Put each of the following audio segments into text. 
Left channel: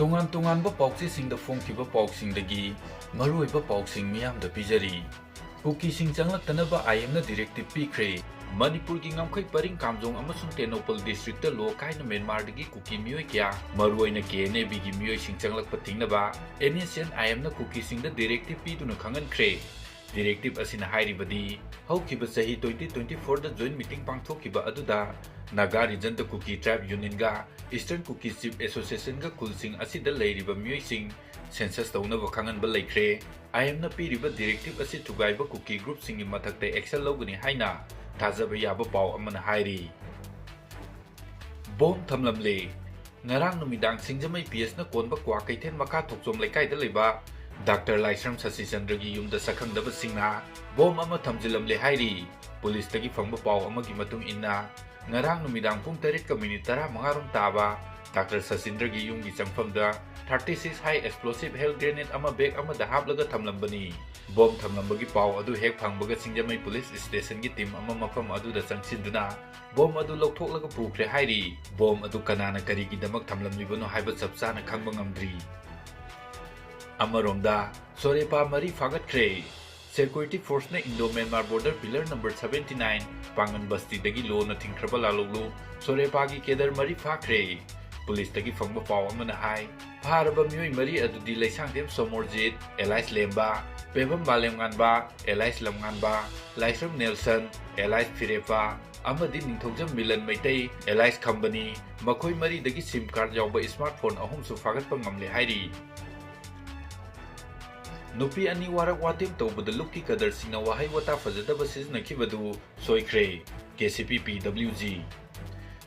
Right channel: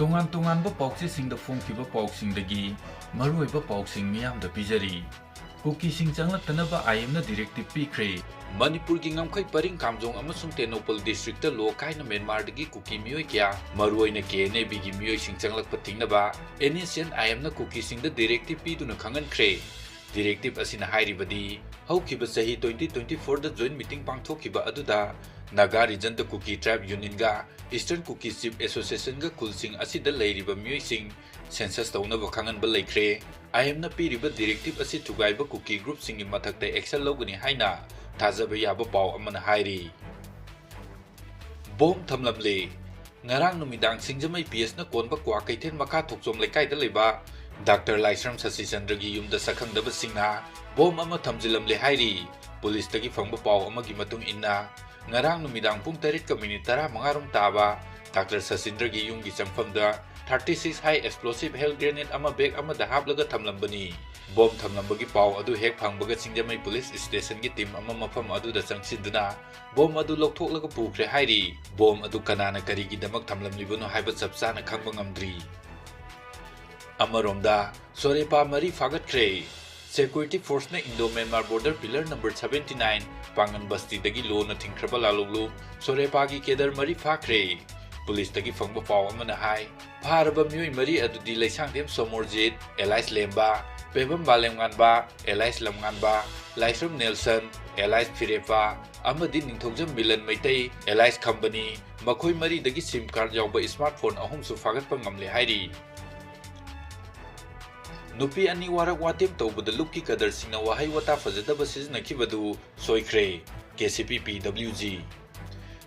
ꯇꯣꯉꯥꯟ-ꯇꯣꯉꯥꯟꯕ ꯄꯥꯎꯆꯦꯁꯤꯡꯗ ꯐꯣꯡꯈꯤꯕ ꯄꯥꯎꯁꯤꯡꯗꯒꯤ ꯃꯔꯨꯑꯣꯏꯕ ꯄꯥꯎꯁꯤꯡ ꯃꯤꯌꯥꯝꯗ ꯄꯤꯖꯔꯤ꯫ ꯀꯨꯀꯤꯁꯤꯡ ꯆꯪꯂꯛꯇꯅꯕ ꯑꯥꯏꯑꯦꯝꯅ ꯗꯤꯔꯦꯛꯇꯤꯕ ꯄꯤꯈ꯭ꯔꯦ꯫ ꯃꯅꯤꯄꯨꯔꯒꯤ ꯉꯝꯈꯩ ꯄꯔꯤꯡ ꯀꯥꯝꯖꯣꯡ ꯑꯃꯁꯨꯡ ꯇꯦꯡꯅꯧꯄꯜ ꯗꯤꯁꯇ꯭ꯔꯤꯛꯇ ꯂꯣ ꯀꯥꯏꯅ ꯃ꯭ꯌꯥꯟꯃꯥꯔꯗꯒꯤ ꯀꯨꯀꯤ ꯃꯤꯑꯣꯏ ꯀꯌꯥ ꯃꯔꯨꯑꯣꯏꯅ KNABꯒꯤ ꯃꯤꯑꯣꯏꯁꯤꯡ ꯆꯪꯂꯛꯄ ꯊꯤꯡꯅꯕ NSN ꯑꯥꯏꯑꯦꯝꯅ ꯀꯨꯀꯤꯁꯤꯡꯗ ꯗꯤꯔꯦꯛꯇꯤꯕ ꯄꯤꯗꯨꯅ ꯈꯪꯍꯟꯈ꯭ꯔꯦ꯫ ꯗꯤꯔꯦꯛꯇꯤꯕ ꯑꯁꯤꯅ ꯍꯥꯏꯔꯤꯕꯗꯤ ꯍꯧꯈꯤꯕ ꯆꯍꯤ 2024ꯗ ꯖꯣꯏꯟꯠ ꯃꯤꯇꯤꯡ ꯄꯥꯡꯊꯣꯛꯈꯤꯕ ꯑꯗꯨꯗ ꯅꯥꯒꯥ ꯔꯤꯖꯟꯗ ꯀꯨꯀꯤ ꯇ꯭ꯔꯥꯏꯕ ꯌꯨꯅꯤꯌꯟꯒ ꯏꯁꯇꯔꯟ ꯀꯨꯀꯤ ꯆꯤꯞ ꯑꯦꯁꯣꯁꯤꯑꯦꯁꯟꯒ ꯈꯨꯜꯁꯤꯡ ꯑꯁꯤꯗ ꯂꯩꯔꯤꯕ ꯃꯤꯑꯣꯏꯁꯤꯡ ꯁꯦꯟꯁꯁ ꯇꯧꯅꯕ ꯈꯪꯍꯟꯕ ꯂꯩꯈ꯭ꯔꯦ꯫ ꯑꯥꯏꯑꯦꯝꯅ ꯄꯤꯔꯤꯕ ꯗꯤꯔꯦꯛꯇꯤꯕ ꯑꯁꯤ ꯊꯨꯒꯥꯏꯕ ꯀꯨꯀꯤ ꯒ꯭ꯔꯨꯞꯁꯤꯡꯒꯤ ꯃꯊꯛꯇ ꯑꯦꯛꯁꯟ ꯂꯧꯒꯅꯤ ꯍꯥꯏꯅ ꯊꯥꯖꯕ ꯌꯥꯕ ꯄꯥꯎ ꯑꯃꯅ ꯍꯥꯏꯔꯤ꯫ ꯕꯣꯝ ꯊꯝꯂꯝꯂꯦ꯫ ꯉꯔꯥꯡ ꯅꯨꯃꯤꯗꯥꯡ ꯁꯤꯡꯖꯃꯩ PSꯅ ꯀꯣꯟꯕ ꯀ꯭ꯋꯥ ꯀꯩꯊꯦꯜ ꯃꯈꯥ ꯊꯣꯛꯆꯣꯝ ꯂꯩꯀꯥꯏꯗ ꯂꯩꯕ ꯗꯥꯛꯇꯔ ꯂꯥꯏꯁ꯭ꯔꯝ ꯁꯁꯤꯆꯟꯗ꯭ꯔꯒꯤ ꯌꯨꯝꯗ ꯁꯛꯈꯪꯗꯕꯁꯤꯡꯅ ꯕꯣꯝ ꯑꯃ ꯊꯝꯖꯤꯜꯂꯝꯂꯦ ꯍꯥꯏꯔꯤ꯫ ꯄꯨꯂꯤꯁꯇꯒꯤ ꯐꯪꯕ ꯄꯥꯎ ꯑꯃꯒꯤ ꯃꯇꯨꯡ ꯏꯟꯅ ꯉꯔꯥꯡ ꯅꯨꯃꯤꯗꯥꯡ ꯄꯨꯡ 8:35 ꯔꯣꯝ ꯇꯥꯕ ꯗꯥꯛꯇꯔ ꯁꯁꯤꯆꯟꯗ꯭ꯔꯒꯤ ꯌꯨꯝꯒꯤ ꯆꯪꯐꯝꯗ 36 ꯍꯥꯏ ꯑꯦꯛꯁꯄ꯭ꯂꯣꯁꯤꯚ ꯍꯦꯜ ꯒ꯭ꯔꯦꯅꯦꯗ ꯑꯃ ꯕꯦꯒ ꯑꯃꯗ ꯍꯥꯞꯂꯒ ꯊꯝꯂꯝꯕꯅꯤ꯫ ꯕꯣꯝ ꯊꯝꯂꯝꯕꯒꯤ ꯄꯥꯎ ꯑꯗꯨ ꯍꯦꯛ ꯐꯪꯕꯒ ꯁꯤꯡꯖꯃꯩ ꯄꯨꯂꯤꯁ ꯁ꯭ꯇꯦꯁꯟꯒꯤ ꯇꯤꯝ ꯑꯃ ꯃꯐꯝ ꯑꯗꯨꯗ ꯆꯪꯁꯤꯟꯗꯨꯅ ꯕꯣꯝ ꯑꯗꯨ ꯂꯧꯊꯣꯛꯂꯒ ꯄꯨꯈ꯭ꯔꯦ ꯍꯥꯏꯔꯤ꯫ ꯕꯣꯝ ꯑꯗꯨ ꯀꯅꯥꯅ ꯀꯔꯤꯒꯤꯗꯃꯛ ꯊꯝꯂꯝꯂꯤꯕꯅꯣ ꯍꯥꯏꯕ ꯆꯞ ꯆꯥꯅ ꯈꯪꯕ ꯉꯝꯗ꯭ꯔꯤ꯫ ꯑꯃꯔꯣꯝꯗ ꯁꯣꯔꯦꯄꯥ 3 ꯐꯥꯒꯠꯈ꯭ꯔꯦ꯫ ꯁꯦꯀ꯭ꯌꯨꯔꯤꯇꯤ ꯐꯣꯔꯁꯅ ꯏꯟꯗꯣ-ꯃ꯭ꯌꯥꯟꯃꯥꯔ ꯕꯣꯔꯗꯔ ꯄꯤꯂꯔ ꯅꯝꯕꯔ 79 ꯄꯥꯡꯒꯟ ꯕꯁꯇꯤꯗꯒꯤ ꯂꯣꯅ ꯊꯤꯡꯈ꯭ꯔꯕ ꯂꯥꯂꯣꯡꯂꯨ ꯁꯣꯔꯦꯄꯥꯒꯤ ꯀꯦꯗꯔ 3 ꯐꯥꯈ꯭ꯔꯦ꯫ ꯄꯨꯂꯤꯁꯇꯒꯤ ꯐꯪꯕ ꯄꯥꯎ ꯑꯃꯅ ꯍꯥꯏ ꯐꯥꯔꯕ ꯃꯤꯑꯣꯏ 3 ꯑꯗꯨꯗꯤ ꯂꯩꯁꯥꯡꯊꯦꯝ ꯁꯣꯃꯣꯔꯖꯤꯠ ꯑꯦꯂꯥꯏꯁ ꯂꯦꯝꯕ, Pebam ꯕꯥꯂꯦꯝꯉꯥꯟꯕ alias ꯂꯝꯉꯥꯟꯕ, Laishram Nelson alias ꯐꯤꯔꯦꯄꯥ ꯑꯃꯗꯤ ꯅꯤꯡꯊꯧꯖꯝ ꯃꯤꯂꯟ ꯃꯩꯇꯩ ꯑꯦꯂꯥꯏꯁ ꯈꯝꯕꯅꯤ꯫ ꯃꯈꯣꯏ 3ꯗꯒꯤ SIM ꯀꯥꯔꯗ ꯌꯥꯎꯕ ꯁ꯭ꯃꯥꯔꯠꯐꯣꯟ 3ꯁꯨ ꯐꯥꯒꯠꯄ ꯉꯝꯂꯦ ꯍꯥꯏꯔꯤ꯫ ꯅꯨꯄꯤ 2 ꯋꯥꯔꯛ ꯋꯥꯇꯦꯝ ꯇꯧꯕꯗ ꯂꯨꯞꯀꯤ ꯀꯗꯔꯁꯤꯡꯅ ꯋꯥꯍꯩ ꯋꯥꯇꯥ ꯐꯖꯗꯕ ꯁꯤꯖꯤꯟꯅꯈꯤꯕꯗꯨ ꯁꯣꯏꯈ꯭ꯔꯦ꯫ Kcp Pwg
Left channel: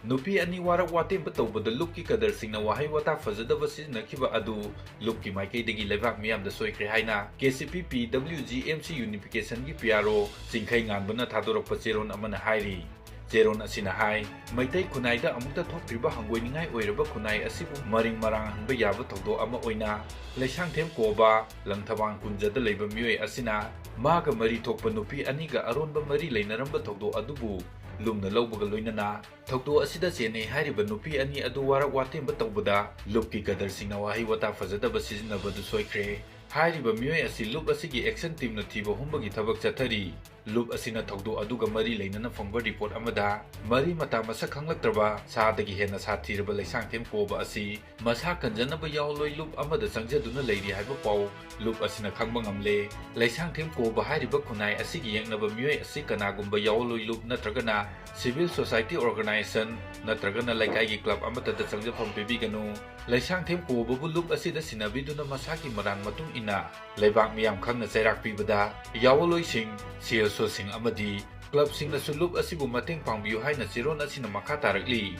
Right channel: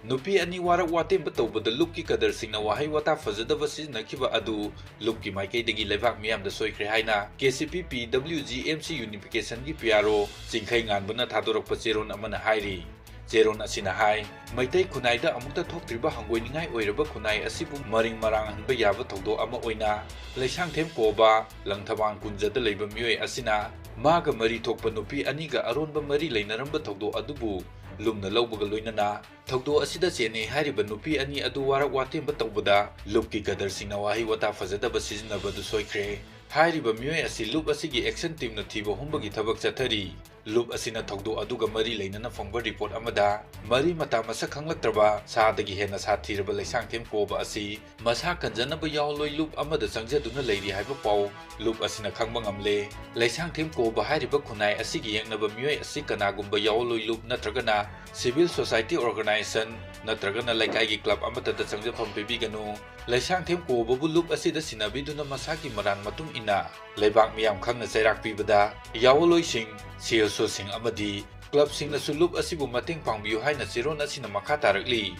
ꯅꯨꯄꯤ 2 ꯋꯥꯔꯛ ꯋꯥꯇꯦꯝꯕ ꯇꯧꯕꯗ ꯂꯨꯞꯀꯤ ꯀꯗꯔꯁꯤꯡꯅ ꯋꯥꯍꯩ ꯋꯥꯇꯥ ꯐꯖꯗꯕ ꯁꯤꯖꯤꯟꯅꯈꯤꯕ ꯑꯗꯨ ꯂꯨꯞꯀꯤ ꯃꯥꯏꯀꯩꯗꯒꯤ ꯂꯩꯕꯥꯛ ꯃꯤꯌꯥꯝꯗ ꯁꯣꯏꯈ꯭ꯔꯦ ꯍꯥꯏꯅ Kcp Pwg MC ꯌꯨꯅꯤꯐꯤꯀꯦꯁꯟꯒꯤ PRO ꯆꯤꯡꯈꯩ ꯉꯥꯟꯕꯅ ꯊꯥꯗꯣꯔꯛꯄ ꯆꯦꯔꯣꯜ ꯑꯃꯅ ꯍꯥꯏꯔꯤ꯫ ꯆꯦꯔꯣꯜ ꯑꯁꯤꯅ ꯍꯥꯏ ꯃꯩꯇꯩ ꯈꯨꯟꯅꯥꯏꯗ ꯑꯃꯨꯛꯇ ꯊꯣꯛꯇ꯭ꯔꯤꯕ ꯍꯪꯒꯣꯏꯅꯤꯡꯉꯥꯏ ꯑꯣꯏꯔꯕ ꯈꯨꯟꯅꯥꯏ ꯑꯁꯤꯕꯨ ꯃꯔꯤꯡ ꯃꯔꯥꯡꯍꯟꯕ ꯌꯥꯕ ꯊꯧꯗꯣꯛ ꯑꯃ ꯑꯣꯏꯅ ꯂꯩꯁꯥꯡꯊꯦꯝ ꯀꯣꯕ ꯂꯪꯊꯕꯥꯜ ꯀꯨꯟꯖꯗ ꯂꯩꯕ ꯃꯤꯑꯣꯏ ꯑꯁꯤꯅ ꯃꯥꯒ ꯃꯔꯤ ꯊꯣꯛꯄ ꯅꯨꯄꯤ 2ꯒ ꯑꯔꯣꯟꯕ ꯃꯔꯤ ꯂꯩꯅꯔꯝꯕ ꯊꯧꯗꯣꯛ ꯑꯗꯨꯕꯨ ꯂꯨꯝꯅ ꯂꯧꯕꯒ ꯂꯣꯏꯅꯅ ꯊꯧꯗꯣꯛ ꯑꯁꯤꯗ ꯆꯦꯟꯅꯩ ꯍꯥꯏꯔꯤꯕ ꯅꯨꯄꯤ 2 ꯑꯗꯨ ꯋꯥꯔꯛ ꯋꯥꯇꯦꯝꯕ ꯇꯧꯕꯗ ꯂꯨꯞꯀꯤ ꯀꯗꯔꯁꯤꯡꯅ ꯋꯥꯍꯩ ꯋꯥꯇꯥ ꯐꯖꯗꯕ ꯁꯤꯖꯤꯟꯅꯕꯗꯨ ꯁꯣꯏꯈ꯭ꯔꯦ꯫ ꯍꯥꯏꯔꯤꯕ ꯃꯤꯑꯣꯏ ꯑꯁꯤ ꯂꯨꯞ ꯑꯁꯤꯒꯤ ꯑꯦꯛꯁꯟ ꯇꯤꯝꯅ ꯊꯤꯕ ꯍꯨꯝꯕꯒꯤ ꯊꯕꯛ ꯆꯠꯊꯔꯤ꯫ ꯂꯨꯞ ꯑꯁꯤꯅ ꯊꯧꯗꯣꯛ ꯑꯗꯨꯒ ꯃꯔꯤ ꯂꯩꯅꯅ ꯐꯪꯕ ꯔꯤꯄꯣꯔꯠ ꯑꯃꯗ ꯃꯔꯤ ꯃꯇꯥ ꯃꯁꯛ ꯈꯪꯂꯛꯇ꯭ꯔꯕ ꯁꯥꯗꯒꯤ ꯍꯦꯟꯅ ꯁꯥꯊꯤꯔꯕ ꯂꯩꯁꯥꯡꯊꯦꯝ ꯀꯣꯕ ꯑꯁꯤ ꯃꯁꯥ ꯀꯟꯖꯅꯕ ꯌꯥꯎꯂꯣꯏ ꯂꯨꯞ ꯑꯃꯗ ꯆꯪꯖꯗꯨꯅ ꯂꯩꯔꯤ ꯍꯥꯏꯕ ꯄꯥꯎ ꯂꯨꯞ ꯑꯁꯤꯅ ꯈꯪꯕ ꯉꯝꯂꯦ꯫ ꯂꯩꯁꯥꯡꯊꯦꯝ ꯀꯣꯕ ꯍꯥꯏꯔꯤꯕ ꯈꯨꯟꯅꯥꯏ ꯑꯁꯤꯒꯤ ꯌꯦꯛꯅꯕ ꯃꯤꯑꯣꯏ ꯑꯁꯤ ꯀꯅꯥꯒꯨꯝꯕ ꯌꯥꯎꯂꯣꯏ ꯂꯨꯞ ꯅꯠꯇ꯭ꯔꯒꯅ ꯁꯤꯚꯤꯜ ꯁꯣꯁꯥꯏꯇꯤ ꯑꯣꯔꯒꯅꯥꯏꯖꯦꯁꯟ ꯅꯠꯇ꯭ꯔꯒꯅ ꯂꯩꯀꯥꯏꯒꯤ ꯀ꯭ꯂꯕ ꯑꯃꯠꯇꯗ ꯆꯪꯖꯐꯝ ꯄꯤꯕꯤꯒꯅꯨ꯫ ꯂꯩꯁꯥꯡꯊꯦꯝ ꯀꯣꯕꯕꯨ ꯂꯨꯞ ꯑꯁꯤꯗ ꯁꯤꯟꯅꯕꯤꯗꯨꯅ ꯃꯁꯥꯒꯤ ꯃꯔꯥꯟ ꯃꯇꯨꯡ ꯏꯟꯅ ꯂꯩꯕꯥꯛ ꯃꯤꯌꯥꯝ ꯈꯪꯅ ꯆꯩꯔꯥꯛ ꯄꯤꯕꯗ ꯌꯥꯋꯂꯣꯏꯁꯤꯡ, CSOꯁꯤꯡ ꯑꯃꯗꯤ ꯀ꯭ꯂꯕꯁꯤꯡꯅꯁꯨ ꯂꯨꯞ ꯑꯁꯤꯕꯨ ꯃꯇꯦꯡ ꯄꯥꯡꯕꯤꯌꯨ ꯍꯥꯏꯅ ꯆꯦꯔꯣꯜ ꯑꯁꯤꯅ ꯃꯈꯥ ꯇꯥꯔꯛꯂꯤ꯫